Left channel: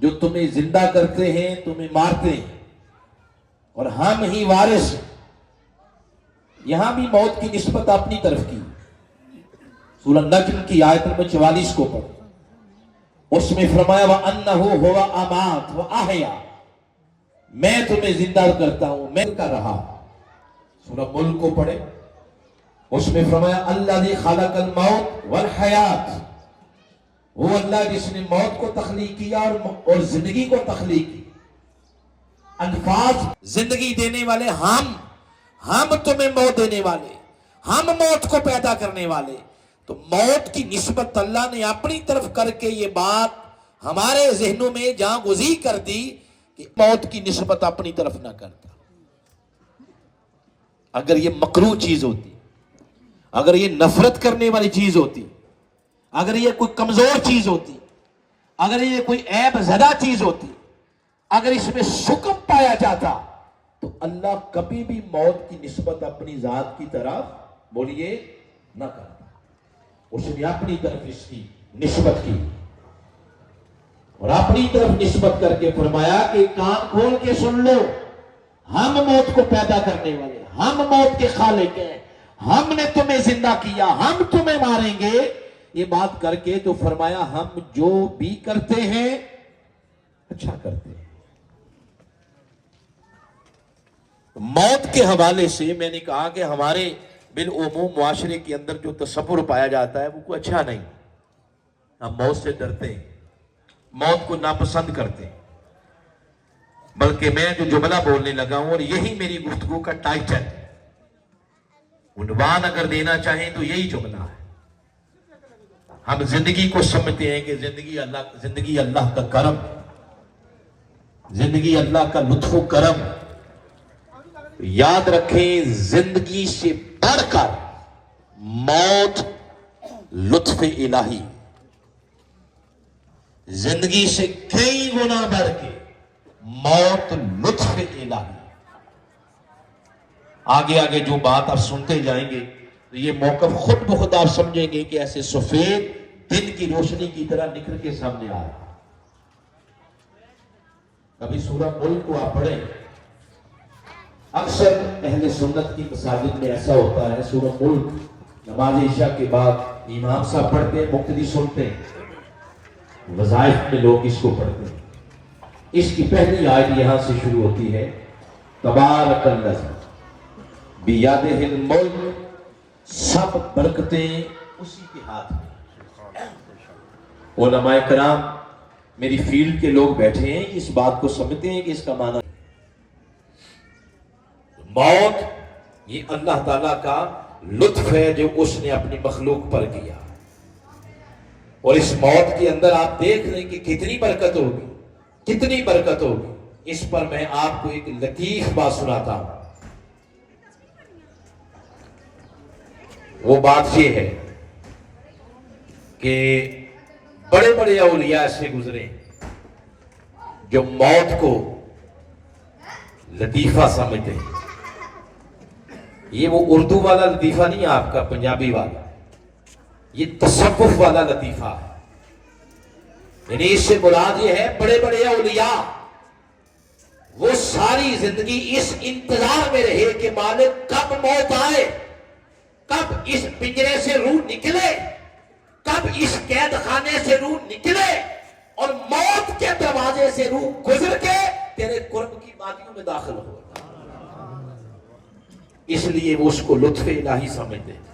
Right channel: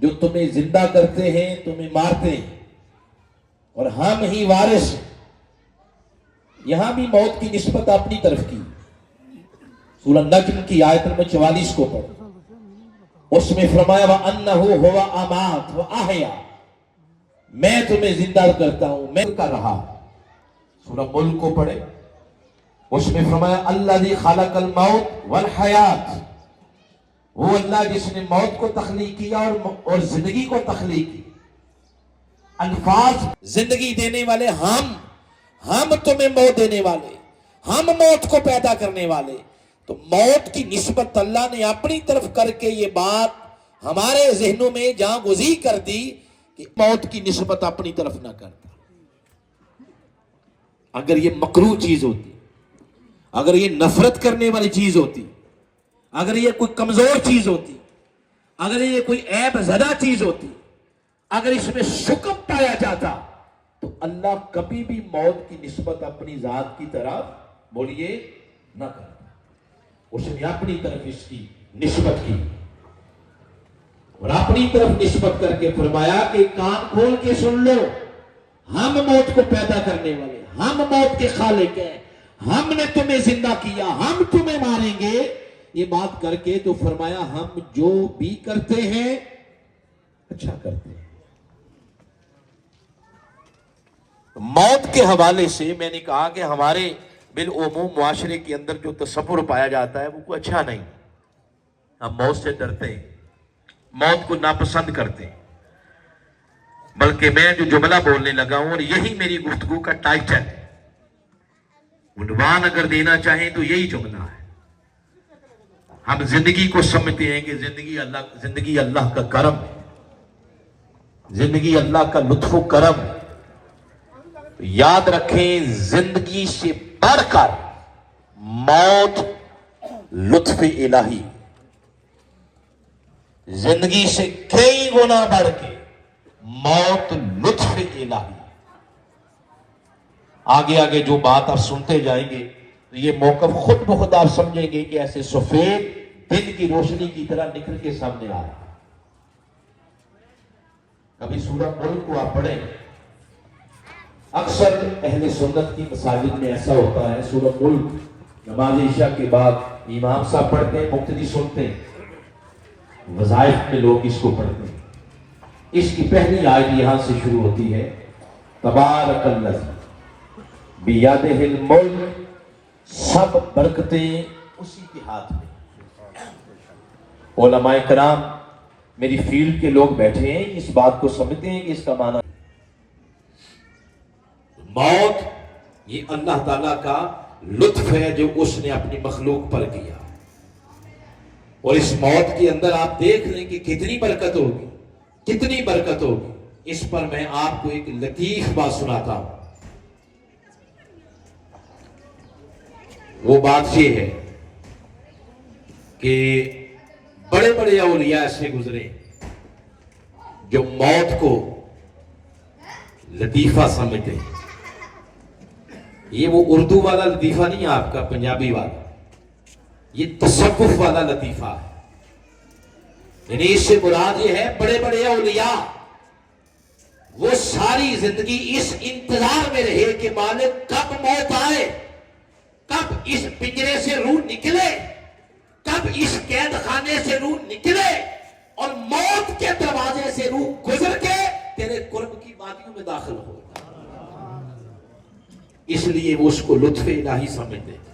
جو تمہیں زندہ کرتے ہیں تمہیں مارتے ہیں اور ہم ہی وارث ہیں. یہاں بھی موت کی نسبت اپنی طرف کی. سورہ نجم کی آیت نمبر 44 کو پڑھو. اس میں فرمایا وَأَنَّهُ هُوَ أَمَاتَ وَأَحْيَا، میں تمہیں زندہ کرتا ہوں، میں کر رہا. سورہ ملک کو پڑھے. اس میں فرمایا الَّذِي خَلَقَ الْمَوْتَ وَالْحَيَاةَ، وہ اللہ جس نے موت کو تخلیق کیا اور زندگی کو تخلیق کی. الفاظ زندگی دینے والے ہم تمہیں موت دینے والے، ہم موت کو پیدا کرنے والے. تو موت کی نسبت اللہ نے اپنی طرف کر کے یہ بات ہمارے ذہنوں میں جہاں گزی کر دی کہ موت کی نسبت اپنی طرف نہ کرتا. اگر یہ مکروہ چیز ہوتی، اگر یہ نفرت کرنے والی چیز ہوتی، اگر یہ کوئی کمزور چیز ہوتی، اگر یہ کوئی عیب زدہ چیز ہوتی، اگر اس میں شکم پایا جاتا، تو اللہ کبھی بھی موت کی نسبت اپنی ذات کی طرف بولیے نہ کرتا. اس نے اپنی طرف اس کی نسبت کی اور اپنی طرف نسبت کر کے فرمایا کہ کان کھول کے سن لو، ہم موت کو پیدا کرنے والے، ہم موت کے خالق ہیں، ہم نے تمہیں زندہ کیا، ہم تمہیں ماریں گے. یہ بات کر کے تو فرمایا ہم جو بھی کرتے ہیں اچھا کرتے ہیں. موت کے حوالے سے میں نے کہا کہ ہمارے بالعموم معاشرے کے اندر جو تصور پایا جاتا ہے وہ کوئی اچھا نہیں. ہم موت سے ڈرتے ہیں، موت کو ناپسند کرتے ہیں. بلکہ میں جو جملہ بولنے لگا ہوں اور یہی میری گفتگو کا ٹائٹل، عنوان اگر دینا چاہیں تو یہی جملہ ہے. ہم زندگی کو سمجھتے ہیں کہ زندگی اللہ کا کرم ہے، زندگی اللہ کا لطف و کرم ہے. یاد رکھیں زندگی سے بڑھ کر موت لطف الہی، زندگی سے کئی گنا بڑھ کے موت لطف الہی. آگے جو بات آپ سنتے جائیں گے یہ موقف خود بخود آپ سمجھیں گے کہ ایسے سفید دن کی روشنی کی طرح نکل کے سامنے آ رہا ہے. ابھی سورہ ملک کو آپ پڑھیں. اکثر اہل سنت کی مساجد میں ایسا ہوتا ہے، سورہ ملک نماز عشاء کے بعد امام صاحب پڑھتے ہیں، مقتدی سنتے ہیں، وظائف میں لوگ اس کو پڑھتے ہیں. اس کی پہلی آیت یہاں سے شروع ہوتی ہے تبارک الذی بیدہ الملک، سب برکتیں اسی کے ہاتھ میں. علماء کرام میری فیلڈ کے لوگ بیٹھے ہیں، اس بات کو سمجھتے ہیں کہ اس کا معنی موت یہ اللہ تعالیٰ کا لطف ہے جو اس نے اپنی مخلوق پر کیا. اور اس موت کے اندر آپ دیکھ لیں کہ کتنی برکت ہوگی، کتنی برکت ہوگی. اس پر میں آپ کو ایک لطیف بات سناتا ہوں. وہ بات یہ ہے کہ بڑے بڑے اولیاء ایسے گزرے جو موت کو لطیفہ سمجھتے ہیں. یہ وہ اردو والا لطیفہ نہیں ہے آپ کا پنجابی والا، یہ تصوف والا لطیفہ ہے. یعنی اس سے مراد یہ ہے بڑے بڑے اولیاء وہ ساری زندگی اس انتظار میں رہے کہ مالک کب موت آئے، کب اس پنجرے سے روح نکلے، کب اس قید خانے سے روح نکلے اور موت کے دروازے سے روح گزر کے تیرے قرب کی وادیوں میں داخل ہو. اس لیے وہ اس کو لطف الہی سمجھتے ہیں.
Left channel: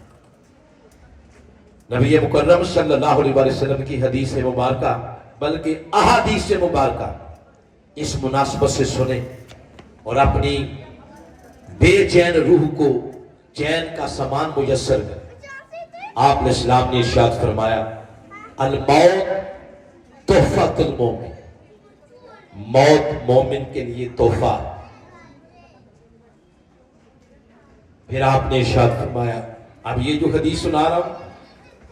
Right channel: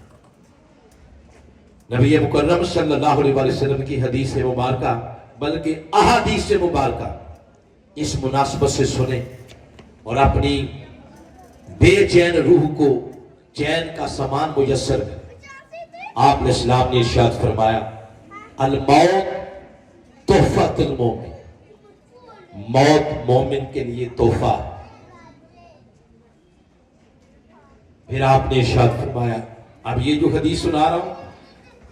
نبی مکرم صلی اللہ علیہ وسلم کی حدیث مبارکہ بلکہ احادیث مبارکہ اس مناسبت سے سنیں اور اپنی بے چین روح کو چین کا سامان میسر کریں. آپ نے اسلام نے ارشاد فرمایا الموت تحفۃ المومن، موت مومن کے لیے تحفہ. پھر آپ نے ارشاد فرمایا، اب یہ جو حدیث سنا رہا ہوں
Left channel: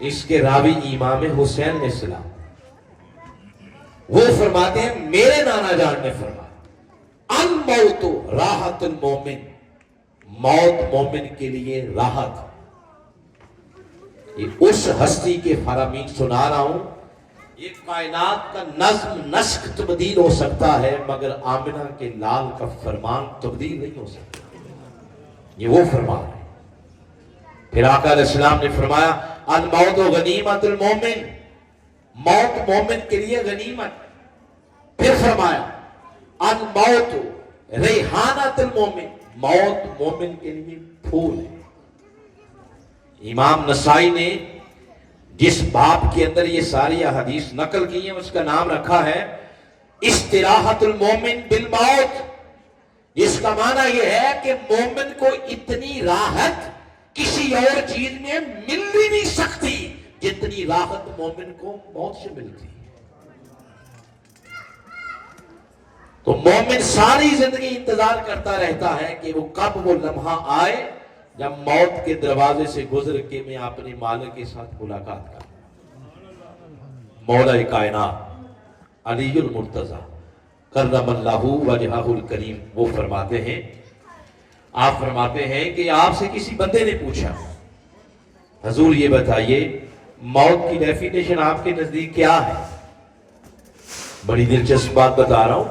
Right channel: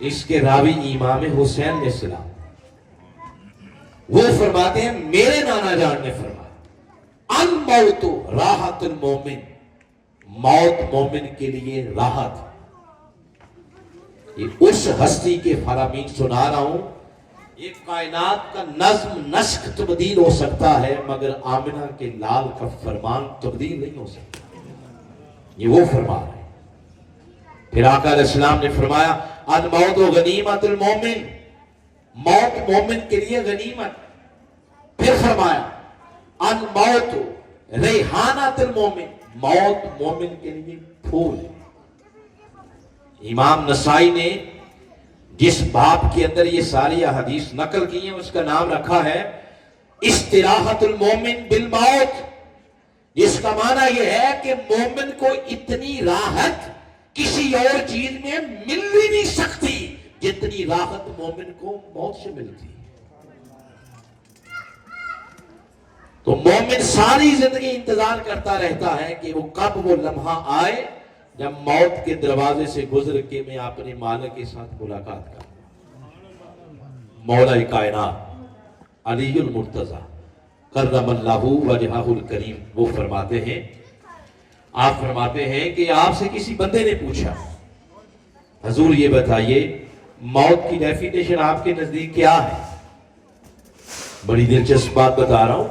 اس کے راوی امام حسین علیہ السلام، وہ فرماتے ہیں میرے نانا جان نے فرمایا الموت راحت المومن، موت مومن کے لیے راحت. یہ اس ہستی کے فرامین سنا رہا ہوں یہ کائنات کا نظم نسق تبدیل ہو سکتا ہے مگر آمنہ کے لال کا فرمان تبدیل نہیں ہو سکتا. یہ وہ فرمان ہے. پھر آقا علیہ السلام نے فرمایا الموت غنیمت المومن، موت مومن کے لیے غنیمت. پھر فرمایا الموت ریحانت المومن، موت مومن کے لیے پھول ہے. امام نسائی نے جس باب کے اندر یہ ساری احادیث نقل کی ہیں اس کا نام رکھا ہے استراحت المومن بالموت، جس کا معنی یہ ہے کہ مومن کو اتنی راحت کسی اور چیز میں مل بھی نہیں سکتی جتنی راحت مومن کو موت سے ملتی ہے. تو مومن ساری زندگی انتظار کرتا رہتا ہے کہ وہ کب وہ لمحہ آئے جب موت کے دروازے سے گزر کے میں اپنے مالک کے ساتھ ملاقات کروں. مولا کائنات علی المرتضی کرم اللہ وجہہ الکریم وہ فرماتے ہیں، آپ فرماتے ہیں کہ آپ سے کسی بندے نے پوچھا حضور یہ بتائیے موت کی ڈیفینیشن آپ کے نزدیک کیا ہے؟ بڑی دلچسپ بات بتا رہا ہوں.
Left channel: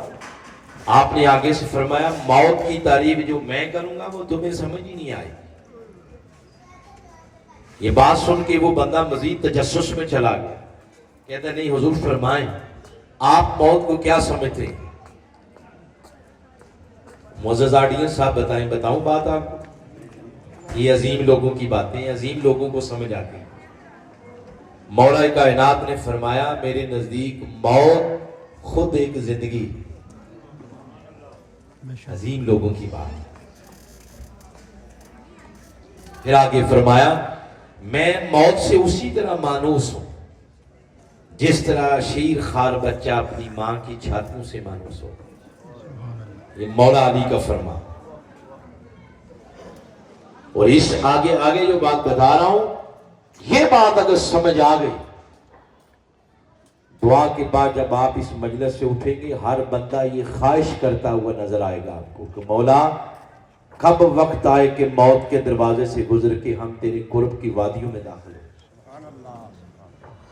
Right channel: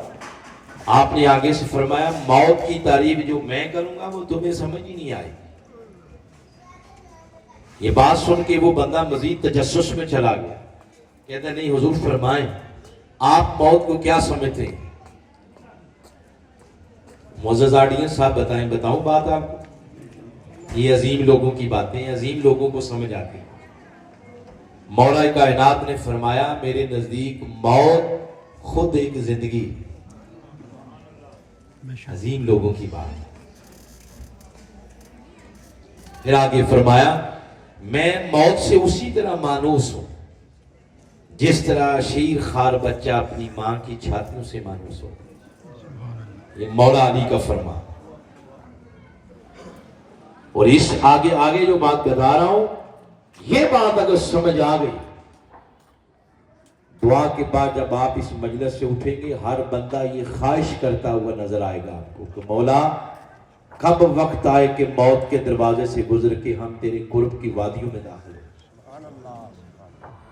آپ نے آگے سے فرمایا موت کی تعریف جو میں کروں گا وہ تمہیں سمجھ ہی نہیں آئے. یہ بات سن کے وہ بندہ مزید تجسس میں چلا گیا. کہتا نہیں حضور فرمائیں آپ موت کو کیا سمجھتے ہیں؟ معزز آڈینس صاحب بتائیں، بتاؤں بات آپ کو؟ یہ عظیم لوگوں کی باتیں عظیم لوگوں کو سمجھ آتی ہیں. مولا کائنات نے فرمایا میرے نزدیک موت خود ایک زندگی. عظیم لوگوں کی بات. پھر آگے فرمایا میں موت سے اسی طرح مانوس ہوں جس طرح شیر خار بچہ اپنی ماں کی چھاتیوں سے مانوس ہو. یہ مولا علی کا فرمان. اور اس آگے جو بات بتا رہا ہوں یہ بات اگر سمجھ آ گئی، دعا کے بعد جب آپ اس مجلس سے اٹھیں گے ہر بندہ یہ خواہش کرتا ہوا نظر آئے گا آپ کو کہ مولا کب وقت آئے کہ موت کے دروازے سے گزر کے ہم تیرے قرب کی وادیوں میں داخل ہوں.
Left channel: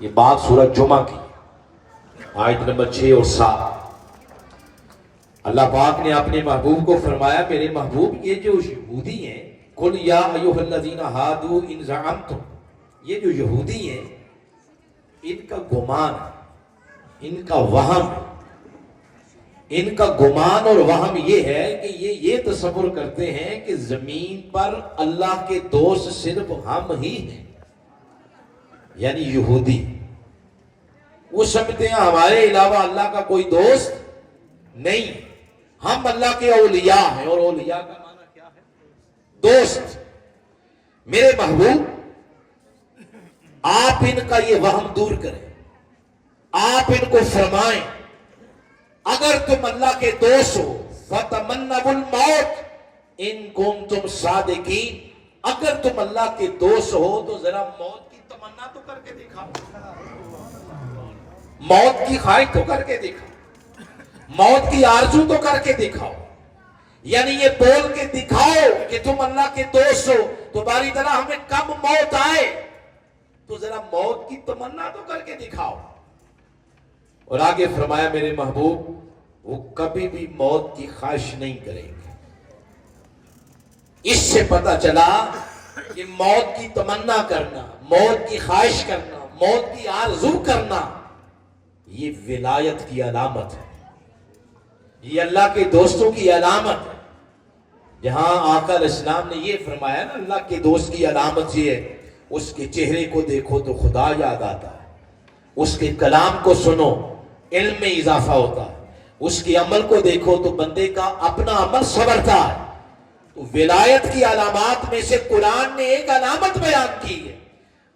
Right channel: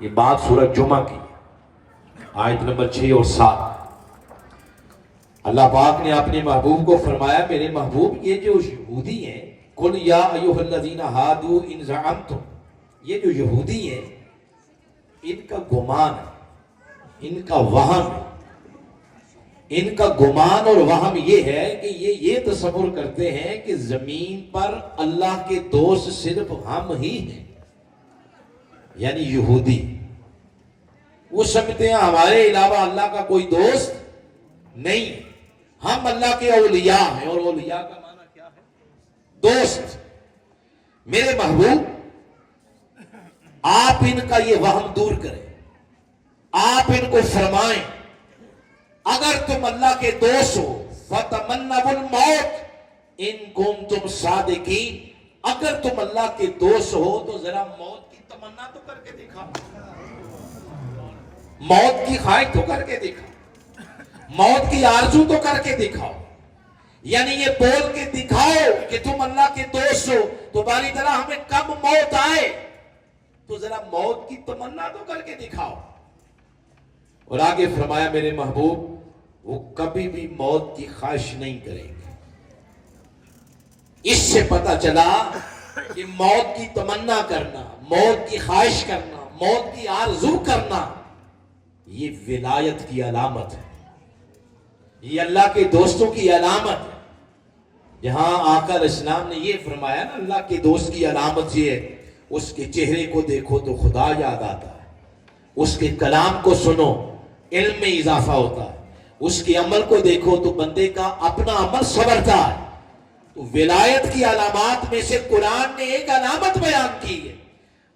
یہ بات سورہ جمعہ کی آیت نمبر 6 اور 7. اللہ پاک نے اپنے محبوب کو فرمایا میرے محبوب یہ جو یہودی ہیں قل یا ایھا الذین ھادوا ان زعمتم، یہ جو یہودی ہیں ان کا گمان ان کا وہم ان کا گمان اور وہم یہ ہے کہ یہ تصور کرتے ہیں کہ زمین پر اللہ کے دوست صرف ہم ہی ہیں. یعنی یہودی وہ سمجھتے ہیں ہمارے علاوہ اللہ کا کوئی دوست نہیں، ہم اللہ کے اولیاء ہیں. اور اولیاء کا معنی کیا ہے؟ دوست. میرے محبوب آپ ان کا یہ وہم دور کریں، آپ ان کو فرمائیں اگر تم اللہ کے دوست ہو فَتَمَنَّوُا الْمَوْتَ إِن كُنتُمْ صَادِقِينَ، اگر تم اللہ کے دوست ہو تو ذرا موت کی تمنا تو کر کے دکھاؤ، موت کی خواہش تو کر کے دکھاؤ، موت کی آرزو تو کر کے دکھاؤ. یعنی یہ بول کے دکھاؤ کہ تم اللہ کے دوست ہو تو باری طرح ہمیں کب موت آئے تو ذرا موت کی تمنا تو کر کے دکھاؤ. اور آگے فرمایا میرے محبوب وہ کبھی بھی موت کی خواہش نہیں کریں گے. اس سے پتہ چلا کہ موت کی تمنا کرنا، موت کی خواہش کرنا، موت کی آرزو کرنا یہ ولایت کی علامت ہے، یہ اللہ کے دوستوں کی علامت ہے. جہاں آقا علیہ السلام نے یہ فرمایا نا اللہ کے دوست کی علامت یہ ہے اس کے چہرے کو دیکھو تو خدا یاد آتا ہے، اس کے کلام کو سنو علم میں اضافہ ہوتا ہے، اس کے عمل کو دیکھو تو بندے کا اپنا عمل سنورتا ہے. تو ولایت کی علامات میں سے قرآن نے ایک علامت بیان کی ہے.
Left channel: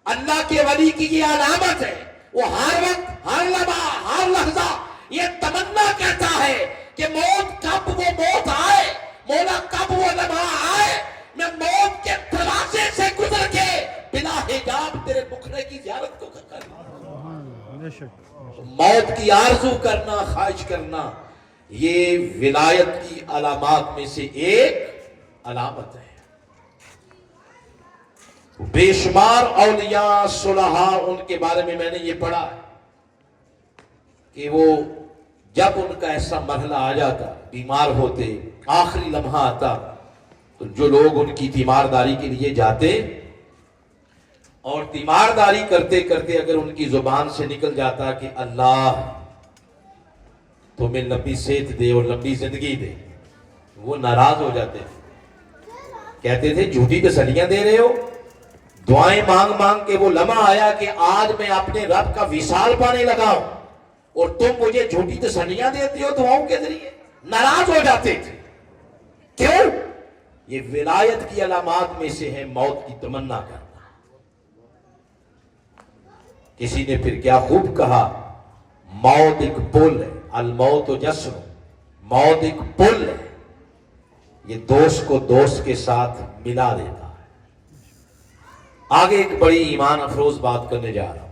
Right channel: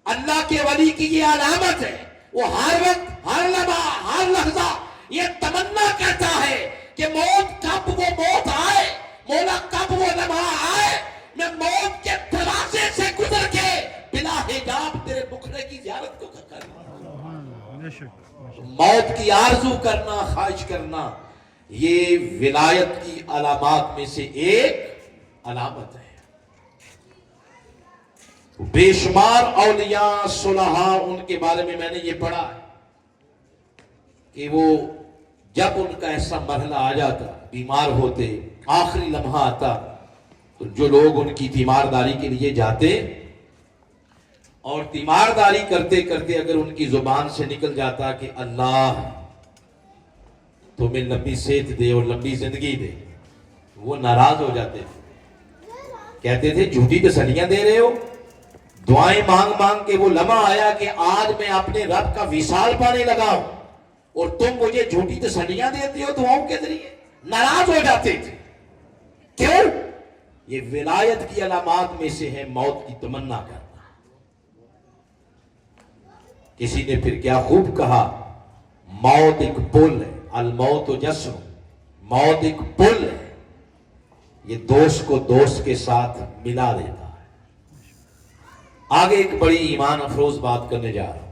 اللہ کے ولی کی یہ علامت ہے، وہ ہر وقت ہر لمحہ ہر لحظہ یہ تمنا کرتا ہے کہ موت کب وہ موت آئے، مولا کب وہ لمحہ آئے میں موت کے دروازے سے گزر کے بلا حجاب تیرے مکھڑے کی زیارت کو کروں. موت کی آرزو کرنا، خواہش کرنا یہ ولایت کی علامات میں سے ایک علامت ہے. بے شمار اولیاء صلحاء ان کے بارے میں نے یہ پڑھا ہے. کہ وہ جب ان کا ایسا مرحلہ آ جاتا، بیمار ہوتے، آخری لمحہ آتا، تو جو لوگ ان کی تیمارداری کے لیے جاتے اور تیمارداری کرتے کرتے اگر ان کی زبان سے نکل جاتا کہ اللہ تمہیں لمبی صحت دے اور لمبی زندگی دے، وہ ناراض ہو جاتے تھے، کہتے تھے جھوٹی تسلیاں دے رہے ہو، دعائیں مانگ مانگ کے وہ لمحہ آیا کہ آج میں اپنے رب کا وصال پانے لگا ہوں اور تم مجھے جھوٹی تسلیاں دیتے ہو دعاؤں کے ذریعے، ناراض ہو جاتے تھے۔ کیوں؟ یہ ولایت کی علامات میں سے ہے موت کی تمنا کرنا۔ کسی نے پھر کیا خوب کہا، موت ایک پل ہے، الموت جسر، موت ایک پل ہے، یہ دوست کو دوست کے ساتھ ملا دیتا ہے۔ آگے ایک بڑی ایمان افروز بات کرنے جا رہا ہوں۔